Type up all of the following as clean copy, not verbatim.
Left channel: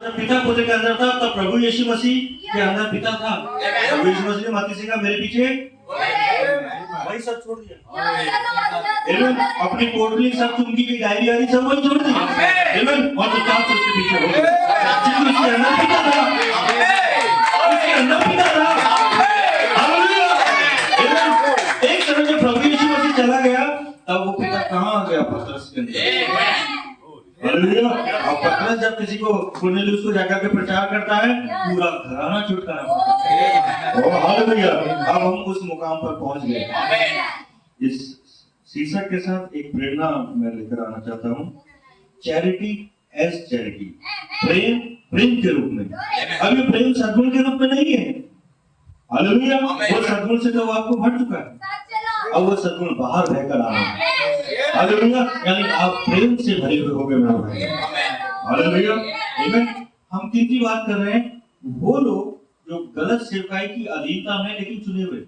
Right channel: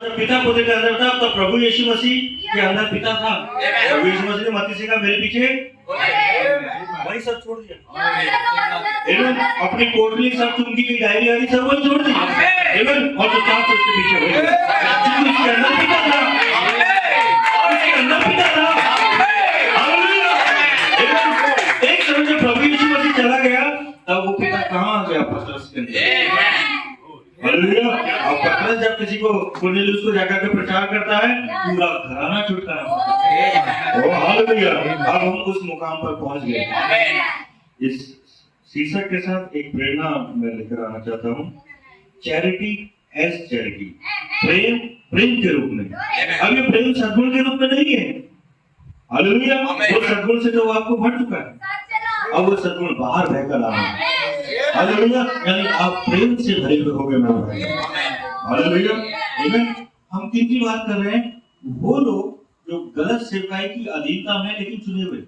जब पिता पुत्र के अंदर था तब प्रभु यीशु मसीह के अंदर पिता था। प्रभु यीशु मसीह ने मत्ती से कहा मेरे पीछे वही सब छोड़ दिया। अपनी पोटली सब चुंगी की डायरी आ रही सब वही छोड़ दी। और तो चार उसके पीछे हो गए। उसके अंदर पिता था, उसके अंदर पिता था। एक समय जब प्रभु यीशु मसीह चला गया तब वो पिता कहाँ आ गया? पतरस के अंदर। हालेलुया। और पतरस जब किसी को कुरनेलियुस को जाकर के प्रचार करता है पूरा घराना छुटकारा पाता है। ओ हालेलुया। अब हम उस मुकाम पर पहुंच गए। इस शीर्षक के साथ एक प्रेरणा मैं लेकर आना चाहता हूँ, चैरिटी एज चैरिटी, प्रेम प्रेम के रूप में। अब ये प्रेम सद्गुण के रूप में नहीं है। हालेलुया। वो सद्गुण से तो आपको भर चुका है, अब वो सद्गुण बाहर बहकर आ रहा है। हालेलुया। यानी आप प्रेम से भरे हुए हो गए मेरे भाई। हालेलुया। हम किसकी बात कर रहे हैं? वो लोग जो गलत सेवकाई की अधीनता में लेकिन चुने हुए,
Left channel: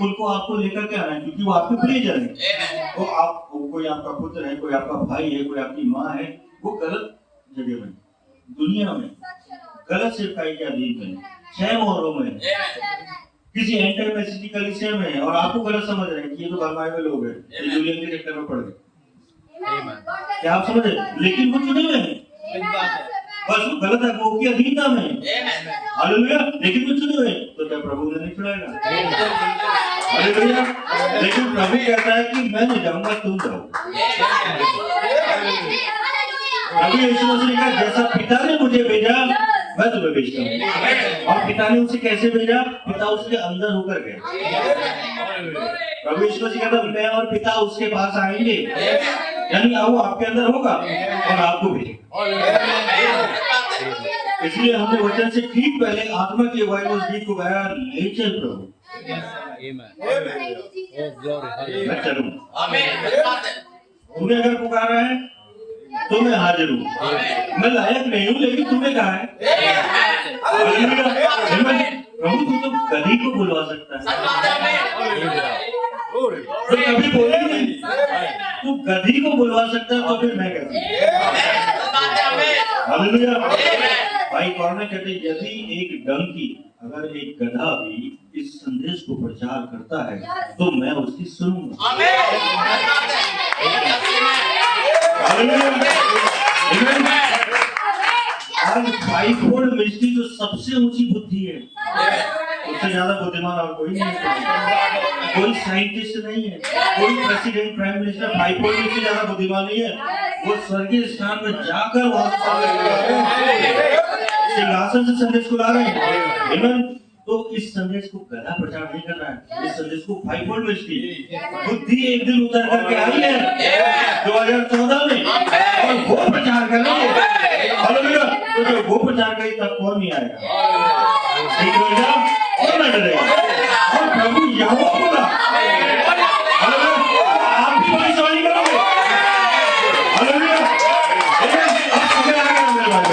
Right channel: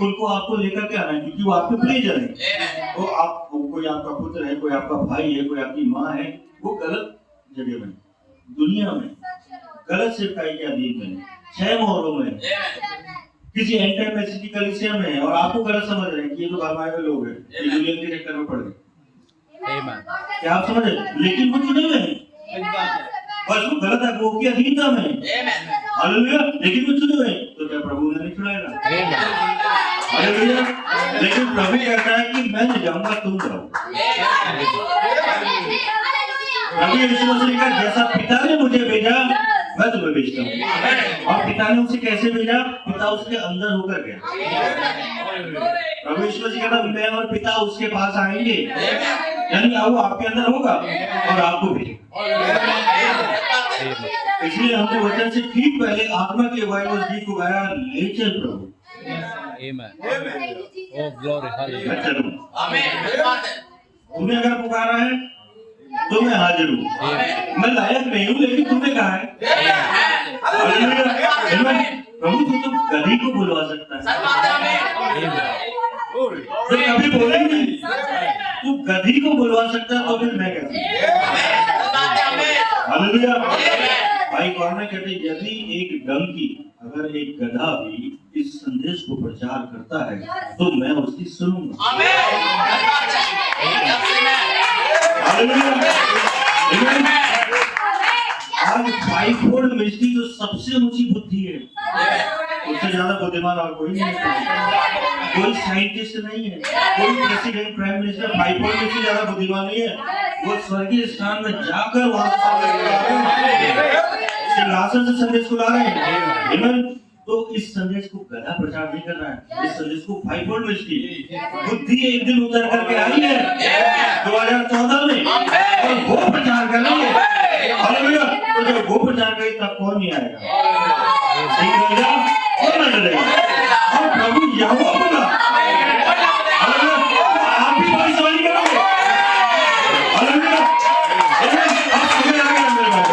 उनको आपको लेकर के आना है क्योंकि वो आपके प्रियजन है। तो आप कोई आपका पुत्र है, कोई आपका भाई है, कोई आपकी माँ है, वो गलत जगह में दुनिया में गलत सेवकाई के अधीन है, 6 मोहरों में, किसी एंटी मैसेज की कलीसिया में है और आपको गलत समझ रहे हैं कि ये तो भरमाए हुए लोग हैं, ये दुनिया के चक्कर में पड़ गए। क्या आप समझ रहे? लेकिन वो चुने हुए हैं, बस वो गलत है, वो की अधीनता में है। हालेलुया। लेकिन वो चुने हुए हैं, तो क्या प्रभु उन्हें नहीं छुड़ाएगा? हालेलुया। लेकिन प्रभु कहता है कि मैं नहीं जाऊंगा, तुम जाओ। प्रभु यीशु मसीह ने कहा जैसा पिता ने मुझे भेजा मैं तुम्हें भेजता हूँ। और पिता ने उसे कैसे भेजा? पिता उसके अंदर होकर गया। प्रभु यीशु मसीह कहता मैं और पिता उसके पास आएंगे, यानी वो आपके अंदर होगा और आपको भेजेगा। इसलिए हमने वचन से ठीक पहले आत्मा की अगुवाई में उस गीत को गाया, ले चल प्रभु। मैं चलूं। तुम्हें अगर पुकारा है तो मैं हाजिर हूँ। मैं लायक नहीं हूँ लेकिन तुम्हें कहा है। प्रभु तू तो गधी को बुलवा सकता है, तो कभी बोले नहीं, तू गधी को बुलवा सकता है तो फिर मैं कहता भाई कौन कहते यदि एक डंकी अगर एक गधा भी इस संदेश को प्रचार करता है तो मैं उसकी सुनूंगा। आज फाइवफोल्ड मिनिस्ट्री जो सबसे ऊंची बुद्धि है, उससे ज्यादा बुद्धिमान और कोई नहीं है। कोई साइंटिस्ट नहीं है, कोई president prime minister fivefold ministry ज्यादा बुद्धिमान नहीं है। वो स्वर्गीय स्थान में जाकर वहां सिंहासन से संदेश को ला रहे हैं। तो इस संदेश को गधा प्रचार नहीं कर रहा है, इस संदेश को फाइवफोल्ड मिनिस्ट्री बुद्धि एक दिन उतर करके आई है 2014 में और वो प्रचार कर रही है। हालेलुया। तो जब वो प्रचार करेगी तब कौन नहीं आएगा? ठीक रहेगा और ना डरेगा। और प्रभु यहोवा बोला, आप भी बड़ी सवारी करोगे। हालेलुया। अब समय आ गया मेरे बात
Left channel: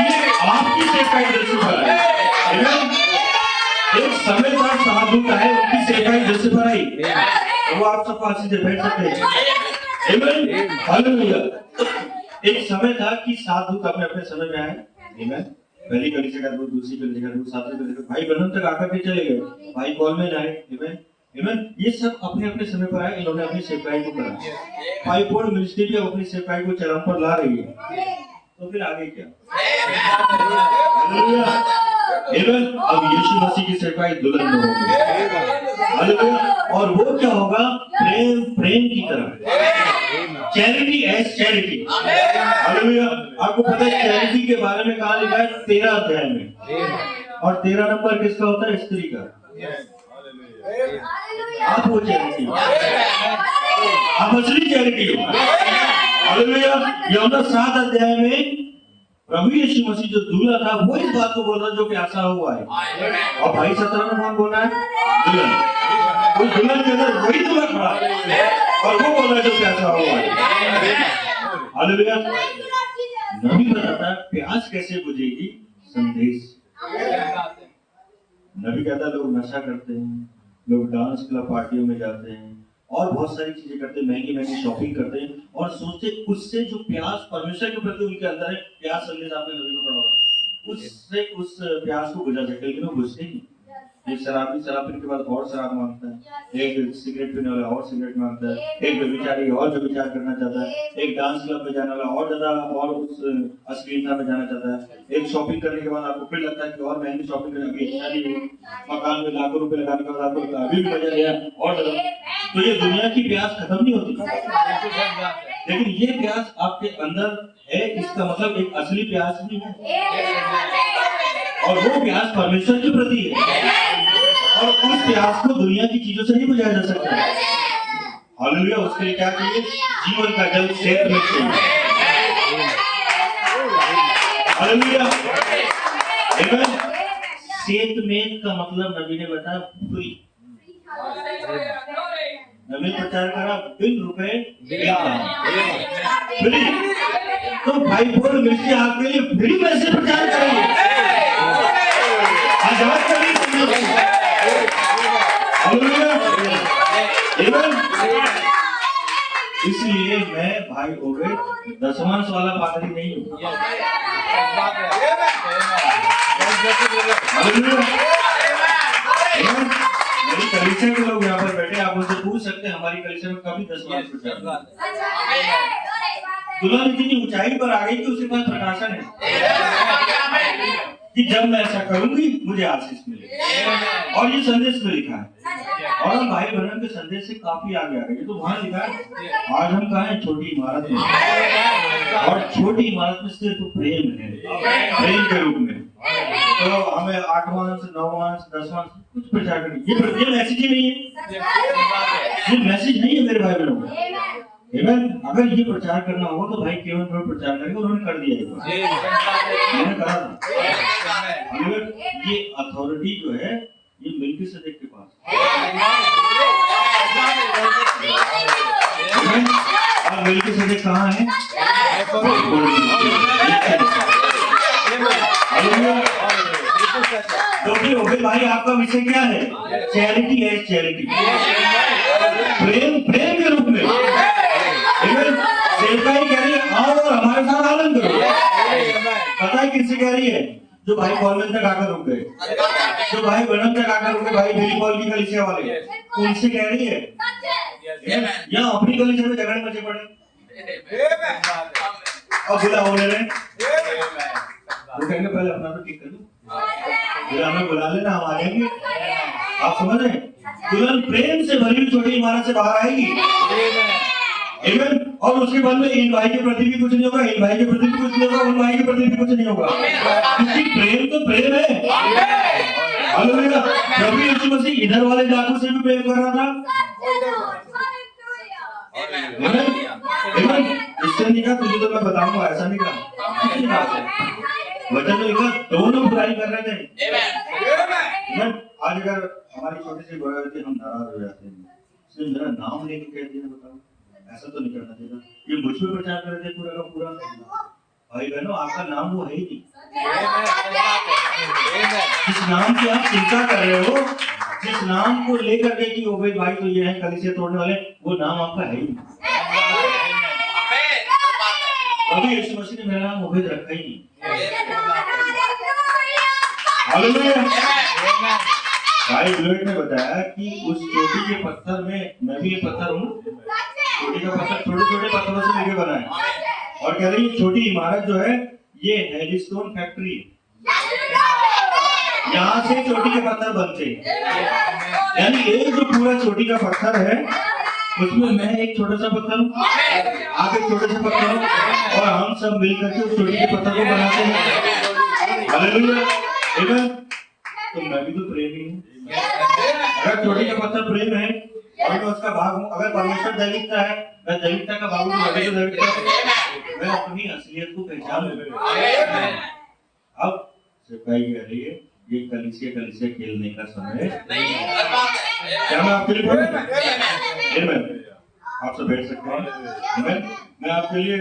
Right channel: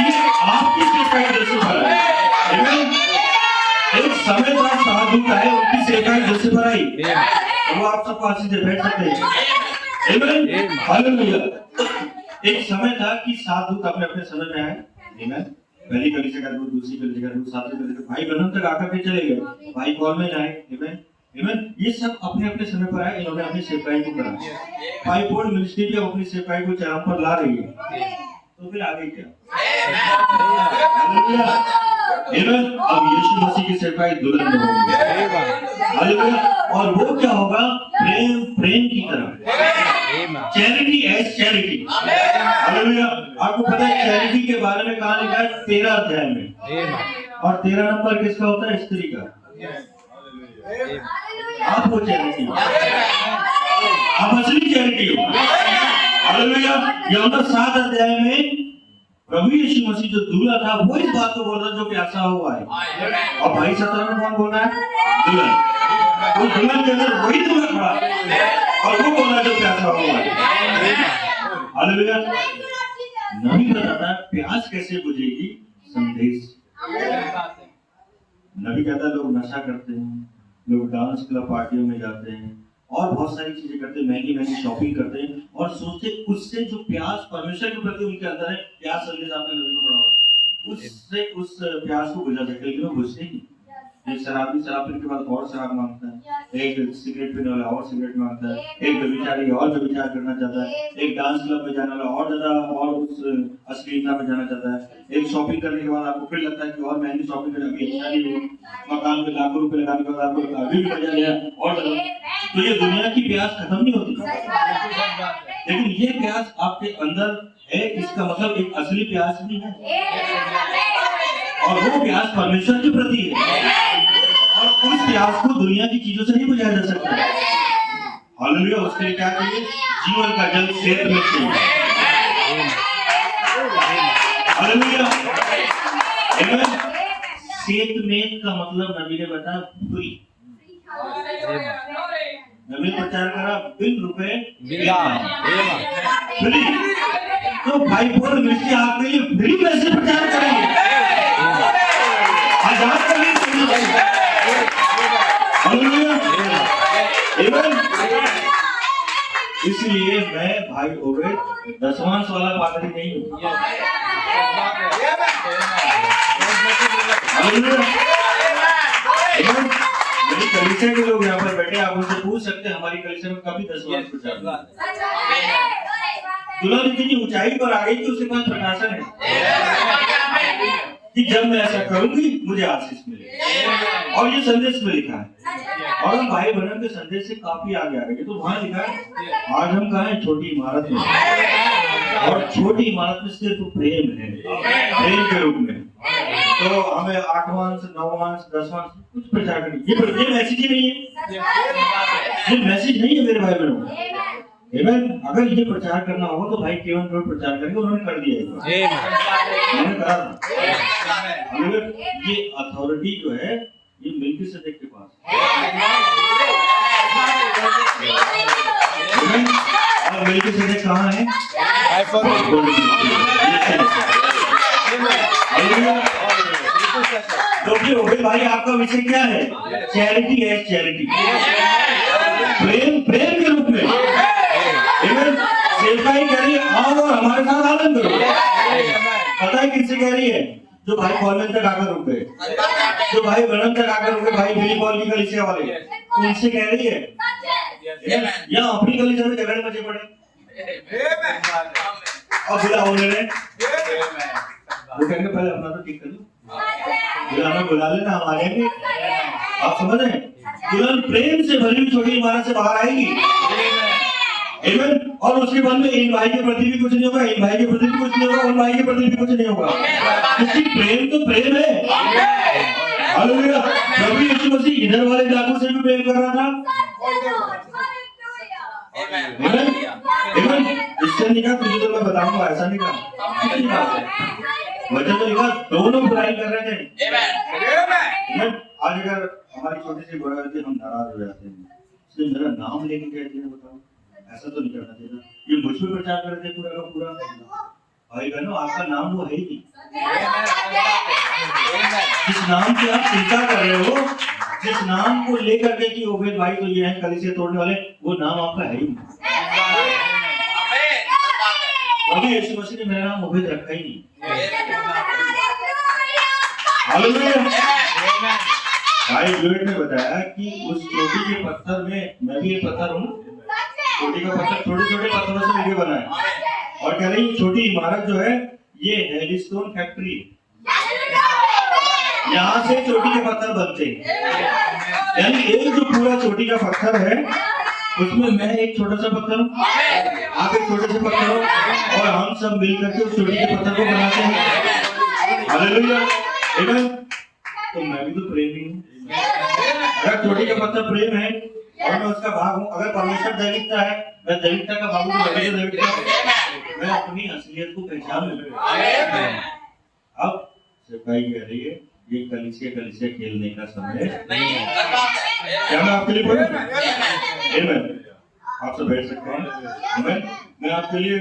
ये आपकी सेवकाई जैसे पर एक समय था साधु का है उनकी सेवकाई जैसे पर आई, वो आप सब पास से बैठ सकते हैं। हालेलुया। एक समय था कि साधु अपने अपने समय में आए, पहली कलीसिया का दूध, दूसरी कलीसिया का दूध, सातवीं कलीसिया भाई बहन तक आकर के चले गए, भाई कॉल में आए। ये सब अपने अपने समय पर आए, इन्होंने अपनी सेवकाई को करा। फाइवफोल्ड मिनिस्ट्री भी अपनी सेवकाई को चरम पर ला रही है, तो फिर आगे क्या? अब यीशु मसीह की सेवकाई दुल्हन में होगी। और वो क्या होगा? प्रेम प्रेम की तरह, चैरिटी एज चैरिटी। हालेलुया। आपको पता है चैरिटी के बारे में कहा लिखा है 13 अध्याय में, और 13 नंबर किसका होता है? स्त्री का। आप हो चैरिटी, आप असली चैरिटी हो। हालेलुया। यूहन्ना 7 अध्याय में प्रभु यीशु मसीह जो दूल्हा था वो इस बात को बोल रहा जो प्यासा हुआ है, और भाई 17 में कौन बोल रहा है? दुल्हन। वो दुल्हन के अंदर वही दूल्हा खड़ा और वो बोल रहा जो प्यासा हुआ है। हालेलुया। नबी बताता प्यास कैसे बुझेगी? संदेश। नबी कहता लोग नशा करते हैं, लोग डांस क्लब पार्टियों में जाते हैं, और बहुत सारी चीजें करते हैं, महंगी महंगी शॉपिंग करते हैं और सोचते उससे जो प्यास परमेश्वर के प्रति उनके अंदर है, प्यास संदेश आपने नबी को पढ़ा होगा, उससे उस प्यास को बुझा सकते, लेकिन वो बुझते ही नहीं। एक शराबी शराब पीने के बाद और शराब मांगता है, एक सिगरेट पीने वाला और सिगरेट मांगता है, एक व्यभिचारी और व्यभिचार करना चाहता है, एक डांस क्लब में जाने वाला और ज्यादा और उस अश्लीलता में जाना चाहता है, एक शॉपिंग करने के बाद आपको फिर लगता है कि और महंगी शॉपिंग करने की इच्छा नहीं हुई, मकान में लाखों रुपए लगाने के बाद आपको अभी भी मजा लिया और ज्यादा। तो ये दुनिया की प्यास खत्म नहीं होती, लेकिन ये प्यास आपके अंदर है, इसका मतलब एक असली प्यास भी है और वो प्यास परमेश्वर के प्रति है और उस प्यास को दुनिया की चीजों से नहीं बुझाया जा सकता है। हालेलुया। उसके लिए क्या चाहिए? जीवन का जल क्षेत्र में चाहिए। हालेलुया। आमीन। सेतमेत का मतलब नबी ने बताया फ्री। नबी ने प्रचार करा बिन रुपए फ्री। तो भाई बोल मिर्ची आपके लिए फ्री कैसे प्रचार करेंगे? आजाद करनी चाहिए। इसलिए मैं भाई ओबेद दशमांश वाला पादरी नहीं हूँ। मेरी कलीसिया के लोग यहाँ पर बैठे, आप उनसे पूछ सकते हैं हमारी कलीसिया में कभी दशमांश प्रचार दुल्हन इतनी ऊंचाई पर आ गई कि उसके पास प्रकाशन है कि जब मैं ऐसा करूंगी मुझे आशीष मिलेगी, और ये संदेश में लिखा है और हम भाई बहन के संदेश से काफी आगे आ गए। तो वहां लिखा है आज हम कहा है छोटी इमारत में, और छोटी इमारत में सिर्फ प्रेम है, प्रेम के रूप में। तो हमें 8वां अंश 9वां अंश 10वां कुछ प्रचार करनी, ये मैसेज ही नहीं है, ये मैसेज नहीं है मेरे भाई बहनों। अगर ये प्रचार करना हो तो भाई केवल प्रचार करेंगे, उन्होंने कर दिया, उन्होंने करा था। ये अथॉरिटी जो है ये मेल्किसेदेक के पास और मेल्किसेदेक कहाँ है? तो फिर भाई आपका विषय क्या है? चैरिटी है, चैरिटी, प्रेम, प्रेम के रूप में सेवकाई करिए आओ और हमारे साथ आनंद करो। पता है किससे कह रही है? जो भाई कॉलेज तक आकर रुक गए, जो भाई बनम तक आकर रुक गए, भाई मेरी कॉल की कलीसिया वाले, उनसे कह रही है या अपनी कलीसिया में झगड़े मचे पड़े और बुला होने में वो कहेंगे पहले अपना तो ठीक कर लो, बुलाना बुला लेना, हम आ जाएंगे। आप समझ रहे हैं? दुल्हन प्रेम से भरी हुई छोटी इमारत से बाहर आएगी, और उसके बाद में इन भाई के प्रति भी कुछ नहीं होगा, इन भाई के प्रति भी कुछ नहीं होगा, उन भाई के प्रति भी कुछ नहीं होगा, क्योंकि प्रेम तो प्रेम है। हालेलुया। प्रभु यीशु मसीह इधर वाले डाकू से भी प्रेम कर रहा था, इससे नहीं कहा तुझे तो मैं बताऊंगा, ऐसा नहीं कहा, वचन में लिखा दोनों बुराई कर रहे थे। आज अगर हमारी छोटी सी बुराई होती है हम नाराज हो जाते हैं, इसलिए मेरा नाम लेके कह दिया, बताओ ऐसा तो नहीं करना चाहिए। ये मुझ पे प्रचार कर रहे थे पूरा का पूरा। भाई बहनों आपका नाम वो है ही नहीं, जिस नाम की आप चिंता कर रहे हो, जिस नाम को लेकर के कि ओबेद भाई तो ये है कलीसिया तोड़ने वाले, वो नाम आपका है ही नहीं। अभी यीशु मसीह ने मेरा नाम ओबेद रखा ही नहीं। हालेलुया। भाई लुएट ने बताया कि उस चोटी के पत्थर में, मैं भी एक पत्थर हूँ, चोटी का पत्थर छोटे छोटे पत्थरों से लेके बना है, और कह रही है छोटी इमारत जो है ये हेलिस्टोन फैक्ट्री, यहाँ से चोटी के पत्थर बनते हैं। यानी एक जो पूरा चोटी का पत्थर है उसमें मैं एक छोटा सा पत्थर हूँ, आप एक छोटे से पत्थर हो, और हम सब मिलकर के चोटी के पत्थर को बनाते हैं। हालेलुया। तो मैं भी तो प्रेमी हूँ। अगर चोटी का पत्थर प्रेम है और मैं उसका भाग हूँ, अगर परमेश्वर दैविकता है, मैं दैविकता का भाग हूँ, मैं अपनी असलियत को पहचान लूँ। अब सिपाही कह रही है ये कलीसिया खेलने का समय नहीं है। क्या मैं आपके लिए बोलूं? आप सब बैठ सकते हैं। मैं आपके लिए